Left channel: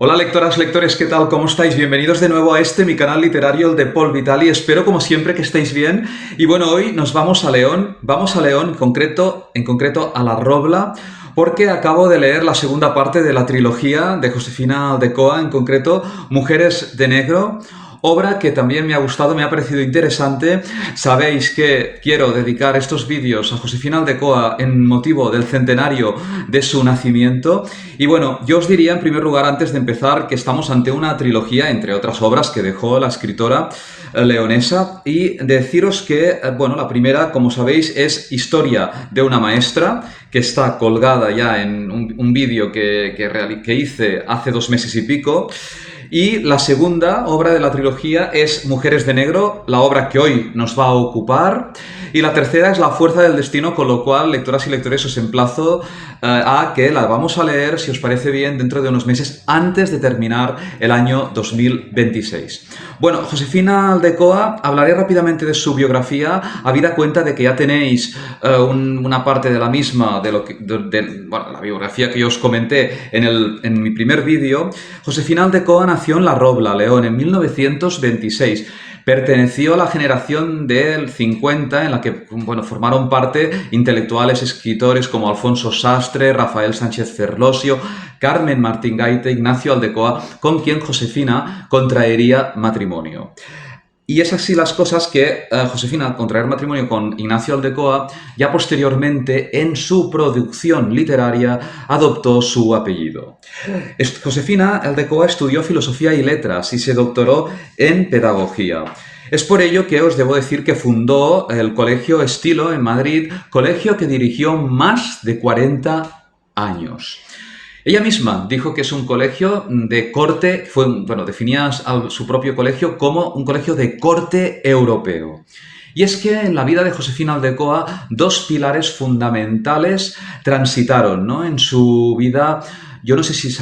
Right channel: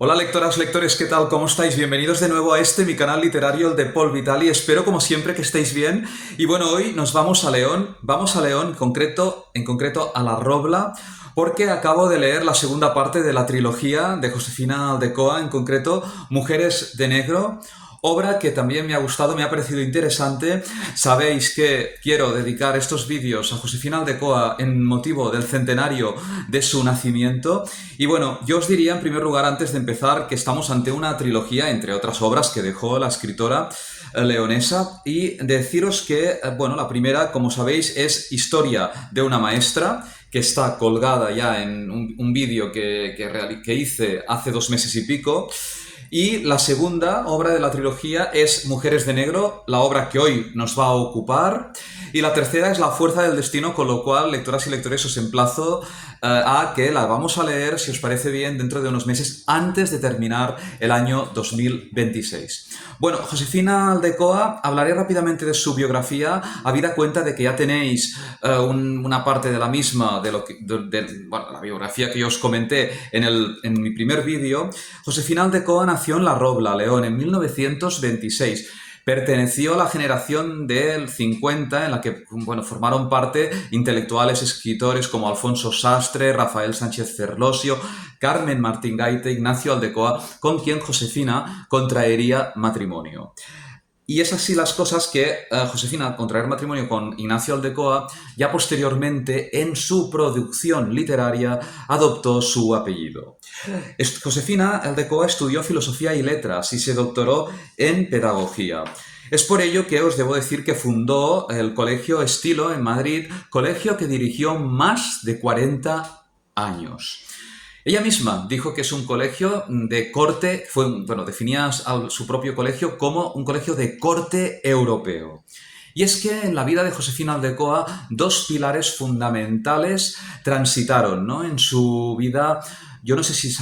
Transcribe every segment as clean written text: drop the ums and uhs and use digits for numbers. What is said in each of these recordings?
Hola lectoras, lectores, ¿qué tal? ¿Cómo estáis? Bienvenidos de nuevo a mi canal literario, el de Paul Vitali. Espero como siempre que estéis bien. Y bueno, hoy nos vamos a León. Vamos a León, en concreto a La Robla, porque acabo de leer la segunda parte de la trilogía de Josefina Aldecoa, en concreto Mujeres de Negro. Obra que también me ha gustado, me ha parecido interesante. Sabéis que quiero dedicar estos vídeos a Josefina Aldecoa en motivo del centenario de su nacimiento. Y bueno, yo os diría en primer lugar, antes de empezar, que estamos ante una trilogía, entre otras obras, que dejó la escritora leonesa, y deciros que, bueno, la primera, como sabéis, es Historia de una maestra, que está colgada ya en un vídeo que hice hace 2 meses y pico. Y la segunda obra de la trilogía es Mujeres de Negro, la obra que hoy nos va a ocupar. Y la tercera es La Fuerza del Destino, con lo cual, lectoras y lectores, os emplazo a que la vamos a leer, si os parece bien, dentro de unos meses, antes de terminar el año 2026. Bueno, Josefina Aldecoa, hablaré rápidamente de su biografía, habida cuenta de que ya tenéis una parte de la misma, bueno, la biografía que yo os comenté en mi primer vídeo. Josefina Aldecoa nació en La Robla, León, en 1926. Perteneció a la generación del 50, en la que, bueno, formaron parte intelectuales, escritores como Alfonso Sastre, Rafael Sánchez Ferlosio, Carmen Martín Gaite, Ignacio Aldecoa, con quien Josefina contraería matrimonio. Y es así las cosas que Josefina, al contraer matrimonio con Ignacio Aldecoa, ya posteriormente en su producción literaria adoptó su apellido. Josefina Aldecoa estudió Filosofía y Letras y se doctoró en Pedagogía. Es por ello que os debo decir que fundó el Colegio Estilo en Madrid, colegio que dirigió más de 40 años. Ella misma dijo que es un colegio de corte, definía a su propio colegio como un colegio de corte europeo. Y es que en la vida de Josefina Aldecoa dos pilares fundamentales transitaron, ¿no?, en su vida. Yo no sé si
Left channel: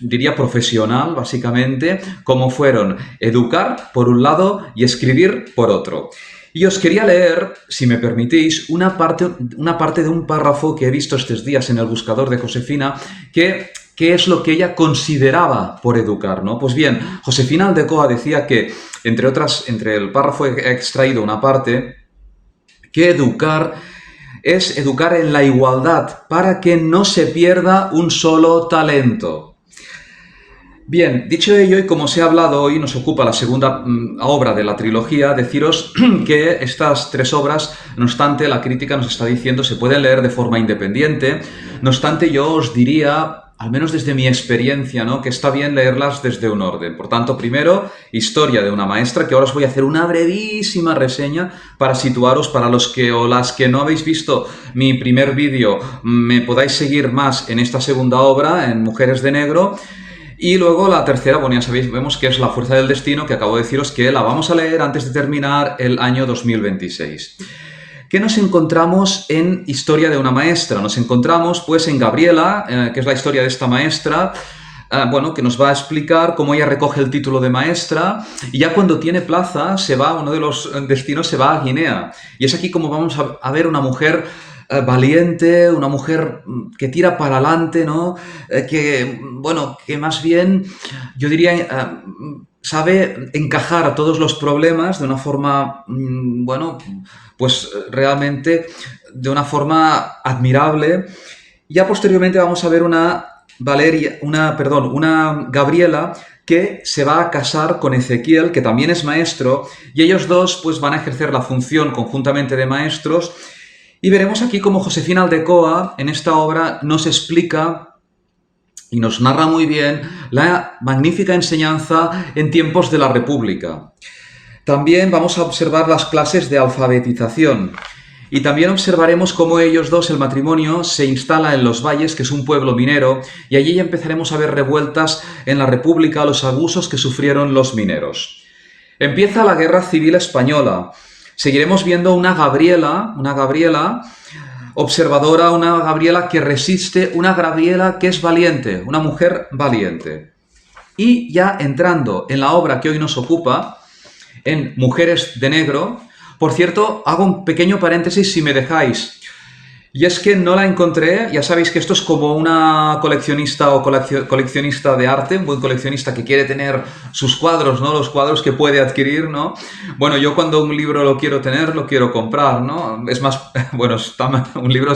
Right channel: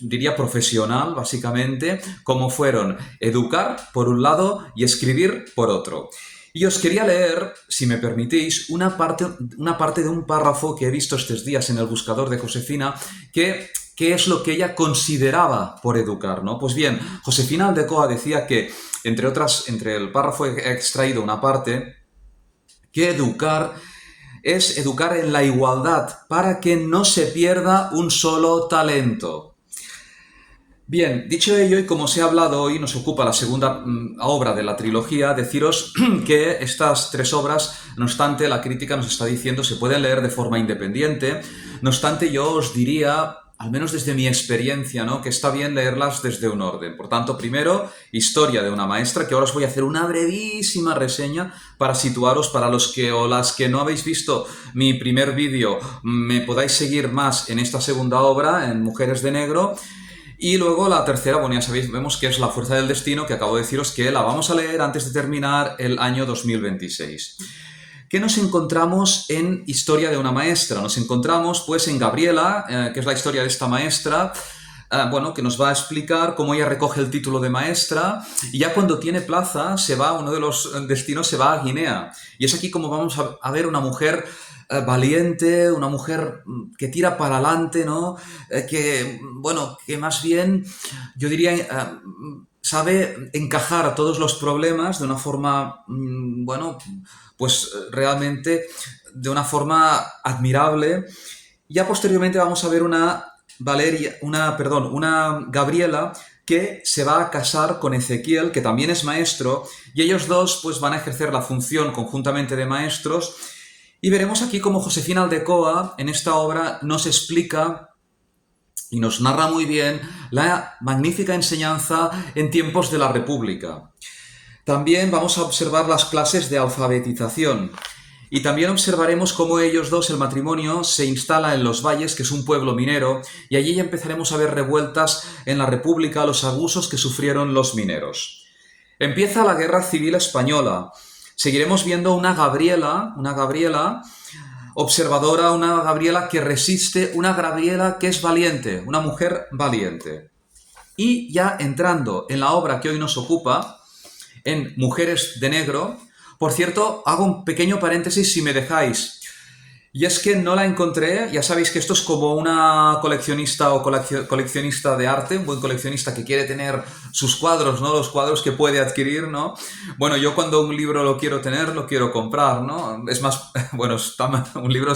diría profesional, básicamente, como fueron educar por un lado y escribir por otro. Y os quería leer, si me permitís, una parte de un párrafo que he visto estos días en el buscador de Josefina, que es lo que ella consideraba por educar, ¿no? Pues bien, Josefina Aldecoa decía que, entre el párrafo he extraído una parte, que educar es educar en la igualdad para que no se pierda un solo talento. Bien, dicho ello, y como se ha hablado hoy, nos ocupa la segunda obra de la trilogía, deciros que estas tres obras, no obstante, la crítica nos está diciendo, se pueden leer de forma independiente. No obstante, yo os diría, al menos desde mi experiencia, ¿no?, que está bien leerlas desde un orden. Por tanto, primero, Historia de una maestra, que ahora os voy a hacer una brevísima reseña para situaros, para los que o las que no habéis visto mi primer vídeo, me podáis seguir más en esta segunda obra, en Mujeres de Negro. Y luego la tercera, bueno, ya sabéis, vemos que es La Fuerza del Destino, que acabo de deciros que la vamos a leer antes de terminar el año 2026. ¿Qué nos encontramos en Historia de una maestra? Nos encontramos, pues, en Gabriela, que es la historia de esta maestra, que nos va a explicar cómo ella recoge el título de maestra, y ya cuando tiene plaza, uno de los destinos se va a Guinea. Y es aquí como vamos a ver una mujer valiente, una mujer que tira para adelante, ¿no? Que más bien, yo diría, sabe encajar a todos los problemas de una forma, pues realmente de una forma admirable. Ya posteriormente vamos a ver una Gabriela que se va a casar con Ezequiel, que también es maestro, y ellos dos pues van a ejercer la función conjuntamente de maestros. Y veremos aquí cómo Josefina Aldecoa, en esta obra, nos explica y nos narra muy bien la magnífica enseñanza en tiempos de la República. También vamos a observar las clases de alfabetización. Y también observaremos cómo ellos dos, el matrimonio, se instala en Los Valles, que es un pueblo minero, y allí ya empezaremos a ver revueltas en la República, los abusos que sufrieron los mineros. Empieza la Guerra Civil Española. Seguiremos viendo una Gabriela observadora, una Gabriela que resiste, una Gabriela que es valiente, una mujer valiente. Y ya entrando en la obra que hoy nos ocupa, en Mujeres de Negro, por cierto, hago un pequeño paréntesis si me dejáis. Y es que no la encontré, ya sabéis que esto es como una coleccionista o coleccionista de arte, un buen coleccionista que quiere tener sus cuadros, ¿no? Los cuadros que puede adquirir, ¿no? Bueno, yo cuando un libro lo quiero tener, lo quiero comprar, ¿no? Es más, bueno, un libro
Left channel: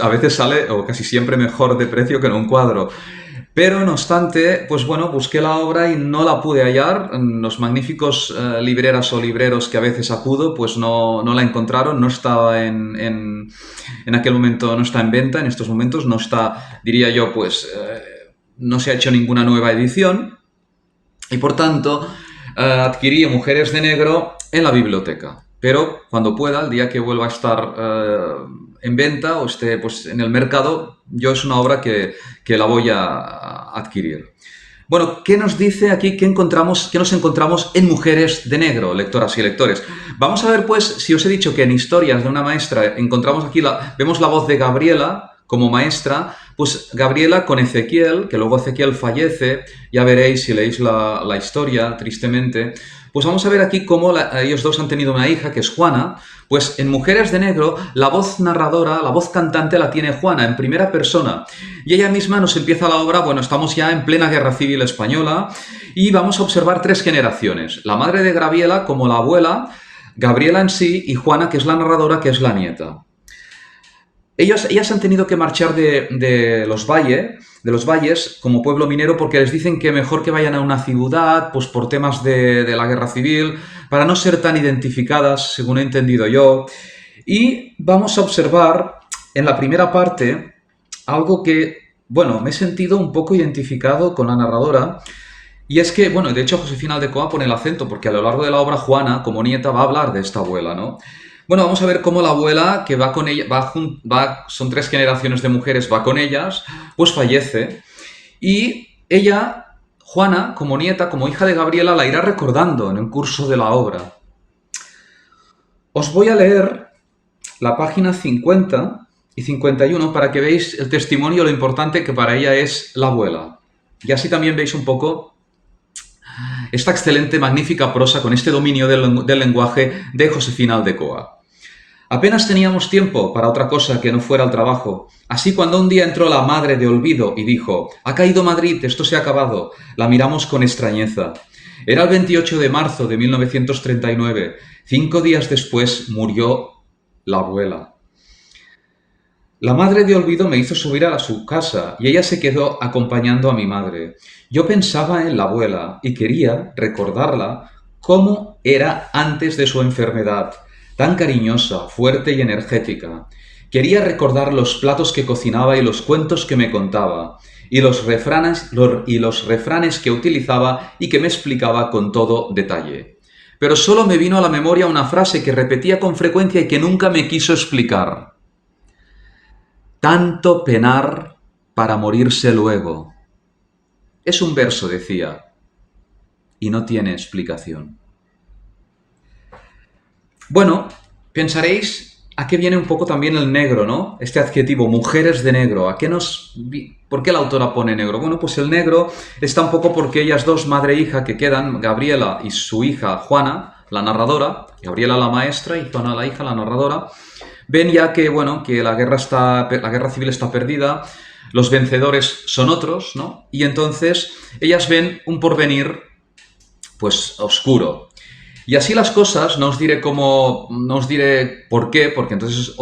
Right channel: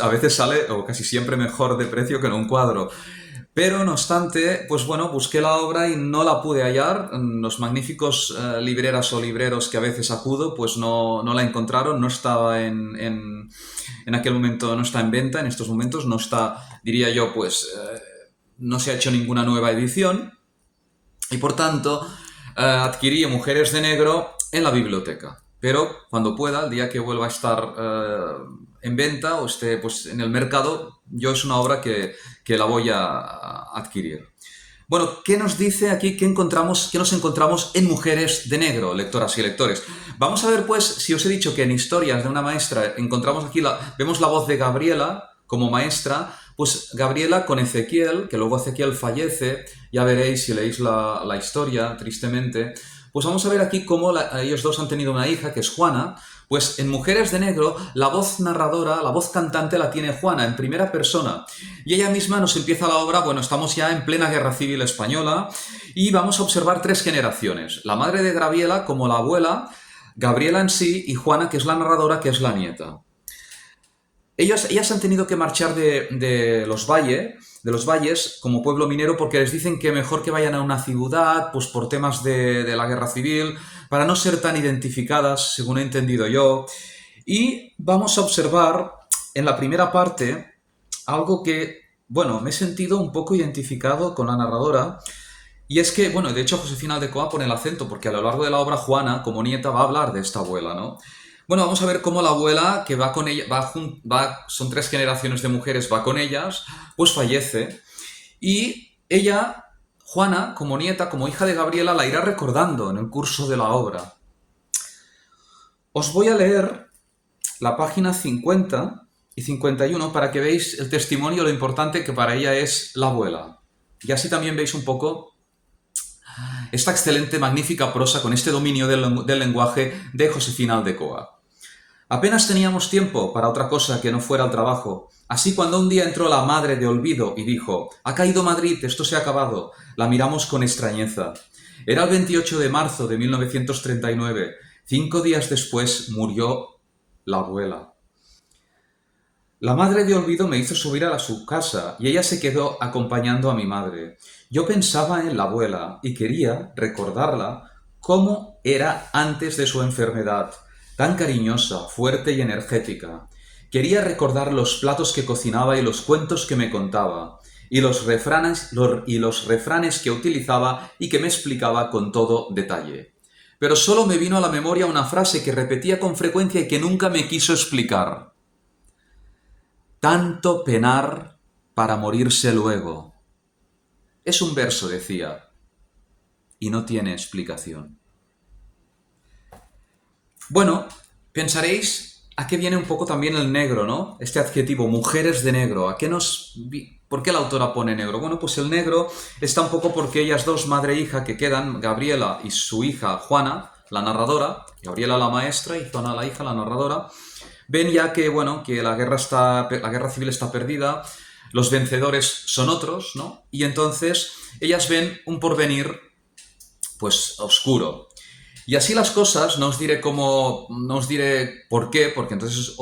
a veces sale, o casi siempre mejor de precio que en un cuadro. Pero no obstante, pues bueno, busqué la obra y no la pude hallar. Los magníficos libreras o libreros que a veces acudo, pues no la encontraron, no estaba en aquel momento, no está en venta, en estos momentos no está, diría yo, pues no se ha hecho ninguna nueva edición y por tanto adquirí Mujeres de Negro en la biblioteca. Pero cuando pueda, el día que vuelva a estar en venta o esté pues, en el mercado, yo es una obra que la voy a adquirir. Bueno, ¿qué nos dice aquí? ¿Qué nos encontramos en Mujeres de Negro, lectoras y lectores? Vamos a ver, pues, si os he dicho que en Historias de una maestra encontramos aquí, vemos la voz de Gabriela como maestra, pues Gabriela con Ezequiel, que luego Ezequiel fallece, ya veréis si leéis la historia, tristemente, pues vamos a ver aquí cómo ellos dos han tenido una hija, que es Juana. Pues en Mujeres de Negro, la voz narradora, la voz cantante la tiene Juana, en primera persona. Y ella misma nos empieza la obra, bueno, estamos ya en plena Guerra Civil Española, y vamos a observar tres generaciones. La madre de Gabriela como la abuela, Gabriela en sí, y Juana, que es la narradora, que es la nieta. Ellas han tenido que marchar de los valles como pueblo minero porque les dicen que mejor que vayan a una ciudad, pues por temas de la guerra civil, para no ser tan identificadas, según he entendido yo. Y vamos a observar en la primera parte algo que, bueno, me he sentido un poco identificado con la narradora. Y es que, bueno, de hecho Josefina Aldecoa pone el acento porque a lo largo de la obra Juana, como nieta, va a hablar de esta abuela, ¿no? Bueno, vamos a ver cómo la abuela, que va con ella, son tres generaciones de mujeres, va con ellas, pues fallece. Y ella, Juana, como nieta, como hija de Gabriela, la irá recordando en el curso de la obra. Os voy a leer la página 50 y 51 para que veáis el testimonio, lo importante que para ella es la abuela. Y así también veis un poco esta excelente, magnífica prosa con este dominio del lenguaje de Josefina Aldecoa. Apenas teníamos tiempo para otra cosa que no fuera el trabajo. Así cuando un día entró la madre de Olvido y dijo: «Ha caído Madrid, esto se ha acabado», la miramos con extrañeza. Era el 28 de marzo de 1939. 5 días después murió la abuela. La madre de Olvido me hizo subir a su casa y ella se quedó acompañando a mi madre. Yo pensaba en la abuela y quería recordarla cómo era antes de su enfermedad, tan cariñosa, fuerte y energética. Quería recordar los platos que cocinaba y los cuentos que me contaba, y los refranes que utilizaba y que me explicaba con todo detalle. Pero solo me vino a la memoria una frase que repetía con frecuencia y que nunca me quiso explicar. Tanto penar para morirse luego. Es un verso, decía, y no tiene explicación. Bueno, pensaréis a qué viene un poco también el negro, ¿no? Este adjetivo, mujeres de negro. ¿Por qué la autora pone negro? Bueno, pues el negro está un poco porque ellas dos, madre e hija, que quedan, Gabriela y su hija Juana, la narradora, Gabriela la maestra y Juana la hija, la narradora, ven ya que, bueno, que la guerra civil está perdida, los vencedores son otros, ¿no? Y entonces ellas ven un porvenir, pues, oscuro. Y así las cosas, no os diré por qué, porque entonces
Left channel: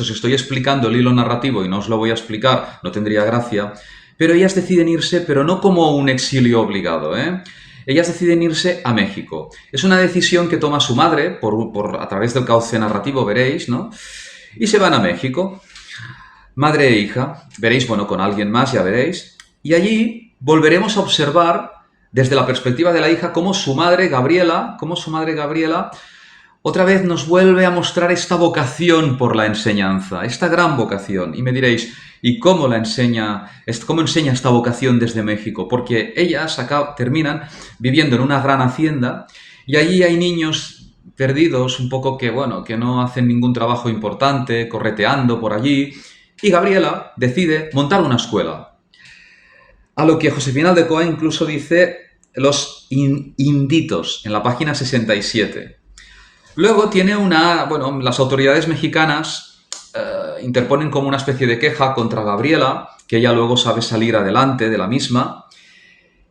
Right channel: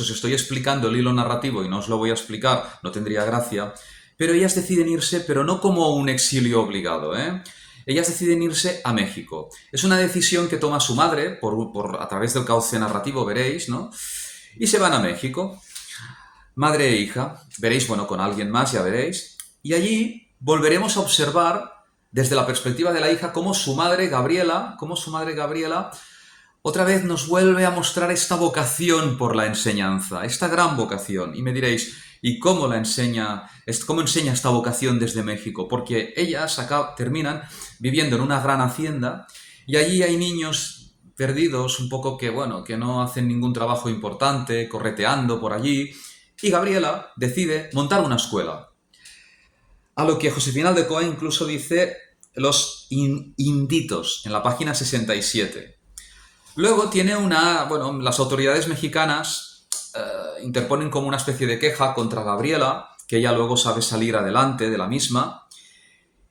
os estoy explicando el hilo narrativo y no os lo voy a explicar, no tendría gracia, pero ellas deciden irse, pero no como un exilio obligado, ¿eh? Ellas deciden irse a México. Es una decisión que toma su madre, a través del cauce narrativo, veréis, ¿no? Y se van a México, madre e hija, veréis, bueno, con alguien más, ya veréis, y allí volveremos a observar desde la perspectiva de la hija cómo su madre Gabriela, otra vez nos vuelve a mostrar esta vocación por la enseñanza, esta gran vocación. Y me diréis, ¿y cómo enseña esta vocación desde México? Porque ellas terminan viviendo en una gran hacienda y allí hay niños perdidos, un poco que no hacen ningún trabajo importante, correteando por allí, y Gabriela decide montar una escuela. A lo que Josefina Aldecoa incluso dice los inditos, en la página 67. Luego tiene las autoridades mexicanas interponen como una especie de queja contra Gabriela, que ella luego sabe salir adelante de la misma.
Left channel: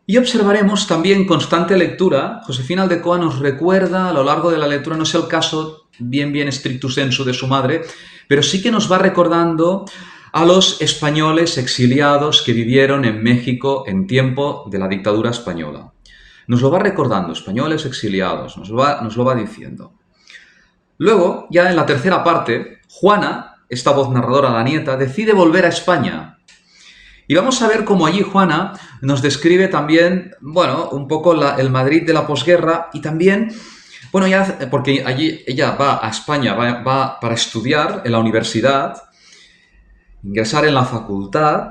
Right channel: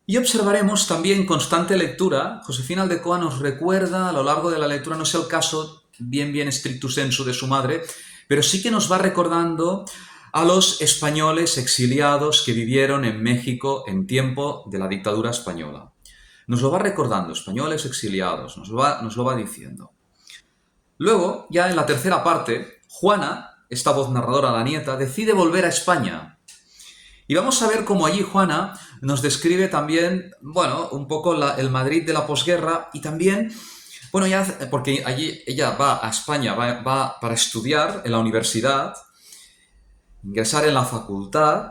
Y observaremos también constante lectura. Josefina Aldecoa nos recuerda a lo largo de la lectura, no es el caso bien stricto sensu de su madre, pero sí que nos va recordando a los españoles exiliados que vivieron en México en tiempo de la dictadura española. Nos lo va recordando, españoles exiliados, nos lo va diciendo. Luego, ya en la tercera parte, Juana, esta voz narradora, la nieta, decide volver a España. Y vamos a ver cómo allí Juana nos describe también, bueno, un poco el Madrid de la posguerra y también, bueno, ya, porque allí ella va a España, va para estudiar en la universidad, ingresar en la facultad,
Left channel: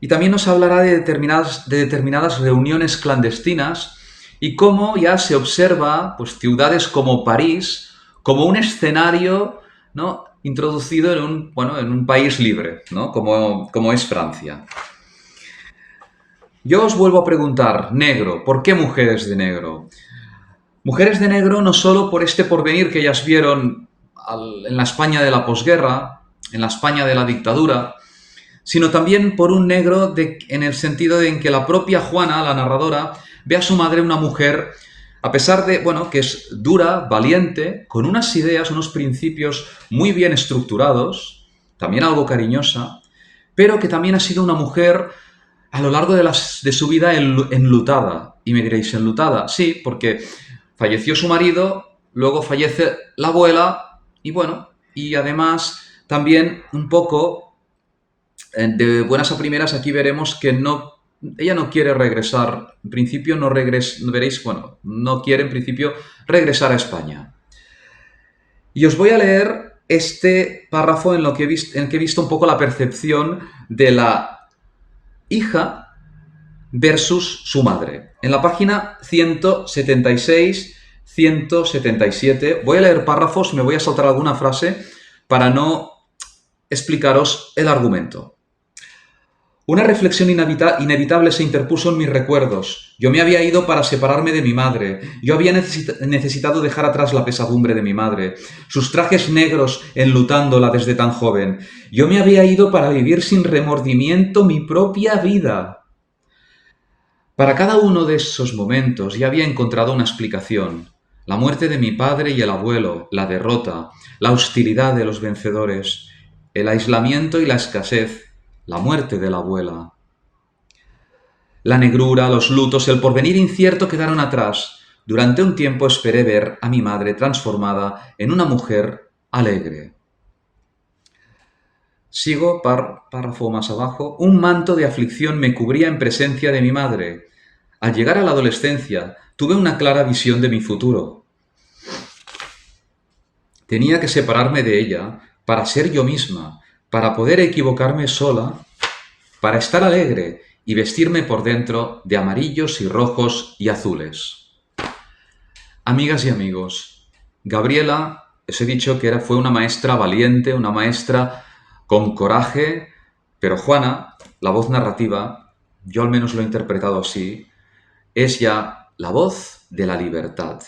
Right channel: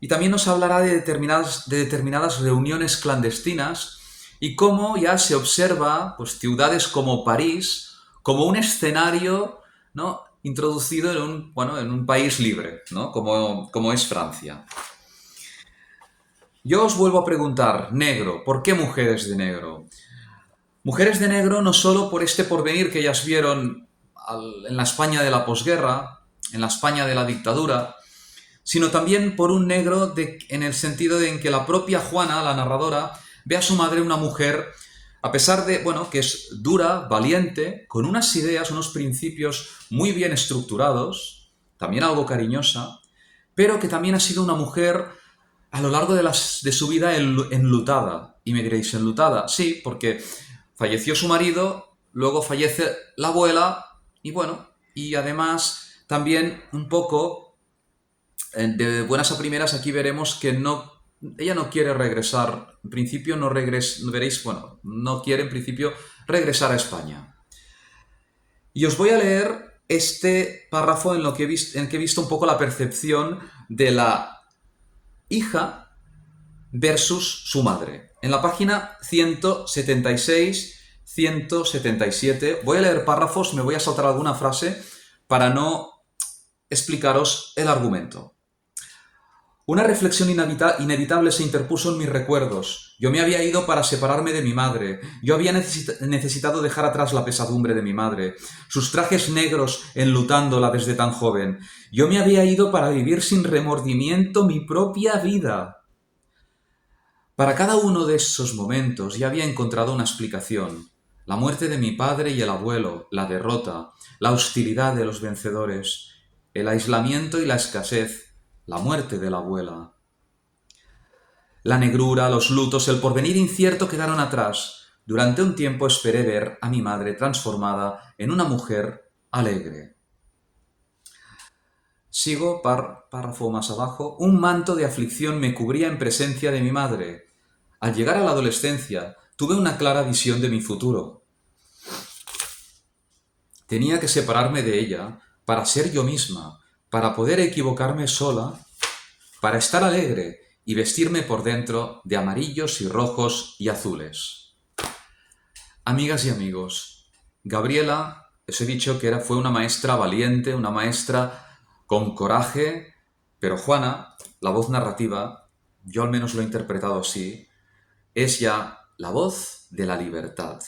y también nos hablará de determinadas reuniones clandestinas y cómo ya se observa pues, ciudades como París como un escenario, ¿no?, introducido en un país libre, ¿no?, como es Francia. Yo os vuelvo a preguntar, negro, ¿por qué mujeres de negro? Mujeres de negro no solo por este porvenir que ellas vieron en la España de la posguerra, en la España de la dictadura, sino también por un negro en el sentido de en que la propia Juana, la narradora, ve a su madre una mujer, a pesar de, bueno, que es dura, valiente, con unas ideas, unos principios muy bien estructurados, también algo cariñosa, pero que también ha sido una mujer a lo largo de su vida enlutada. Y me diréis, ¿enlutada? Sí, porque falleció su marido, luego fallece la abuela, y bueno, y además también un poco, de buenas a primeras, aquí veremos que ella no quiere regresar, en principio veréis, bueno, no quiere en principio regresar a España. Y os voy a leer este párrafo en el que he visto un poco la percepción de la hija versus su madre. En la página 176-177 voy a leer párrafos, me voy a saltar alguna frase para no explicaros el argumento. Una reflexión inevitable se interpuso en mis recuerdos. Yo me había ido para separarme de mi madre. Yo había necesitado dejar atrás la pesadumbre de mi madre, sus trajes negros enlutándola desde tan joven. Yo me había ido para vivir sin remordimiento mi propia vida. Para cada uno de esos momentos ya había encontrado una explicación. La muerte de mi padre y el abuelo, la derrota, la hostilidad de los vencedores, el aislamiento y la escasez, la muerte de la abuela. La negrura, los lutos, el porvenir incierto quedaron atrás. Durante un tiempo esperé ver a mi madre transformada en una mujer alegre. Sigo, párrafo más abajo. Un manto de aflicción me cubría en presencia de mi madre. Al llegar a la adolescencia, tuve una clara visión de mi futuro. Tenía que separarme de ella para ser yo misma, para poder equivocarme sola, para estar alegre y vestirme por dentro de amarillos y rojos y azules. Amigas y amigos, Gabriela, os he dicho que fue una maestra valiente, una maestra con coraje, pero Juana, la voz narrativa, yo al menos lo he interpretado así, es ya la voz de la libertad,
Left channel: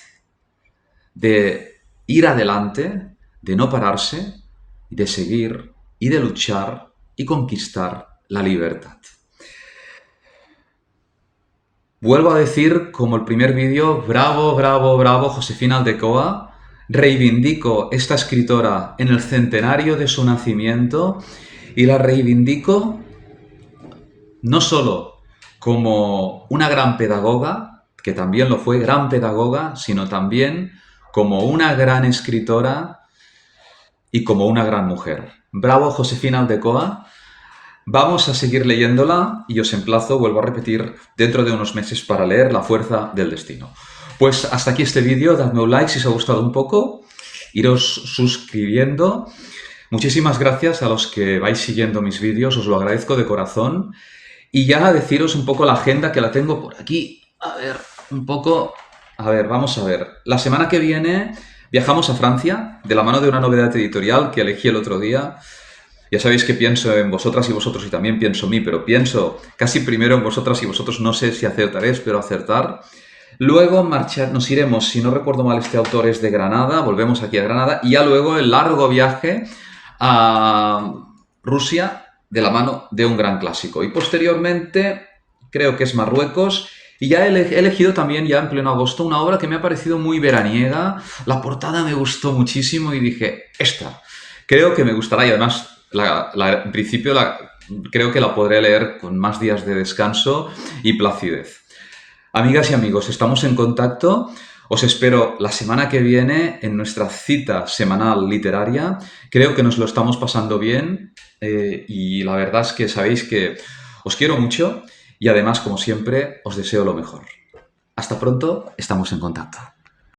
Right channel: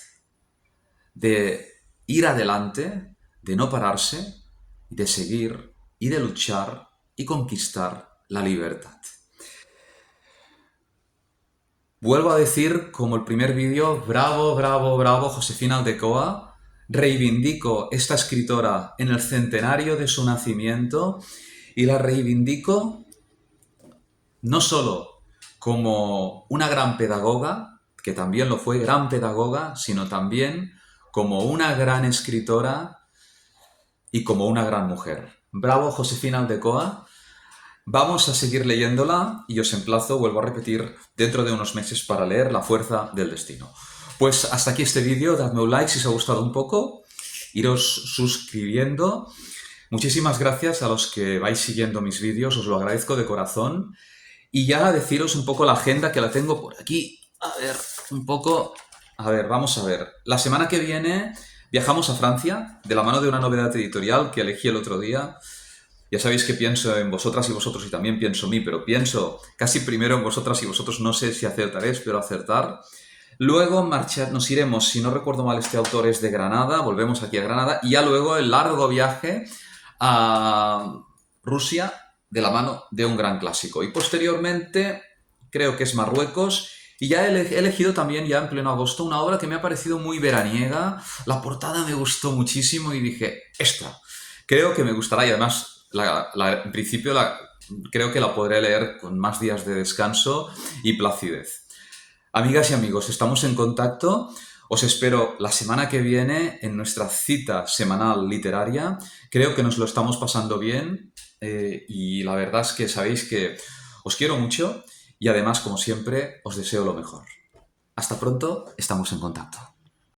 de ir adelante, de no pararse, de seguir y de luchar y conquistar la libertad. Vuelvo a decir, como el primer vídeo, bravo, bravo, bravo, Josefina Aldecoa. Reivindico esta escritora en el centenario de su nacimiento y la reivindico no solo como una gran pedagoga, que también lo fue, gran pedagoga, sino también como una gran escritora y como una gran mujer. Bravo, Josefina Aldecoa. Vamos a seguir leyéndola y os emplazo, vuelvo a repetir, dentro de unos meses para leer La fuerza del destino. Pues hasta aquí este vídeo, dadme un like si os ha gustado un poco, iros suscribiendo. Muchísimas gracias a los que vais siguiendo mis vídeos, os lo agradezco de corazón. Y ya deciros un poco la agenda que la tengo por aquí. A ver, vamos a ver. La semana que viene viajamos a Francia, de la mano de una novedad editorial que elegí el otro día. Ya sabéis que pienso en vosotras y vosotros y también pienso en mí, pero pienso casi primero en vosotras y vosotros. No sé si acertaré, espero acertar. Luego nos iremos, si no recuerdo mal, este autor es de Granada, volvemos aquí a Granada, y ya luego el largo viaje a Rusia de la mano de un gran clásico. Y posteriormente creo que es Marruecos. Y ya he elegido también, ya en pleno agosto, una obra que me ha parecido muy veraniega. La portada me gustó muchísimo y dije, esta, creo que me gustará. Y además, en principio, creo que la podré leer con más días de descanso y placidez. Amigas y amigos, estamos en contacto. Os espero la semana que viene en nuestra cita semanal literaria. Creo que nos lo estamos pasando bien y la verdad es que sabéis que os quiero mucho y además, como siempre, os deseo lo mejor. Hasta pronto, estamos en contacto.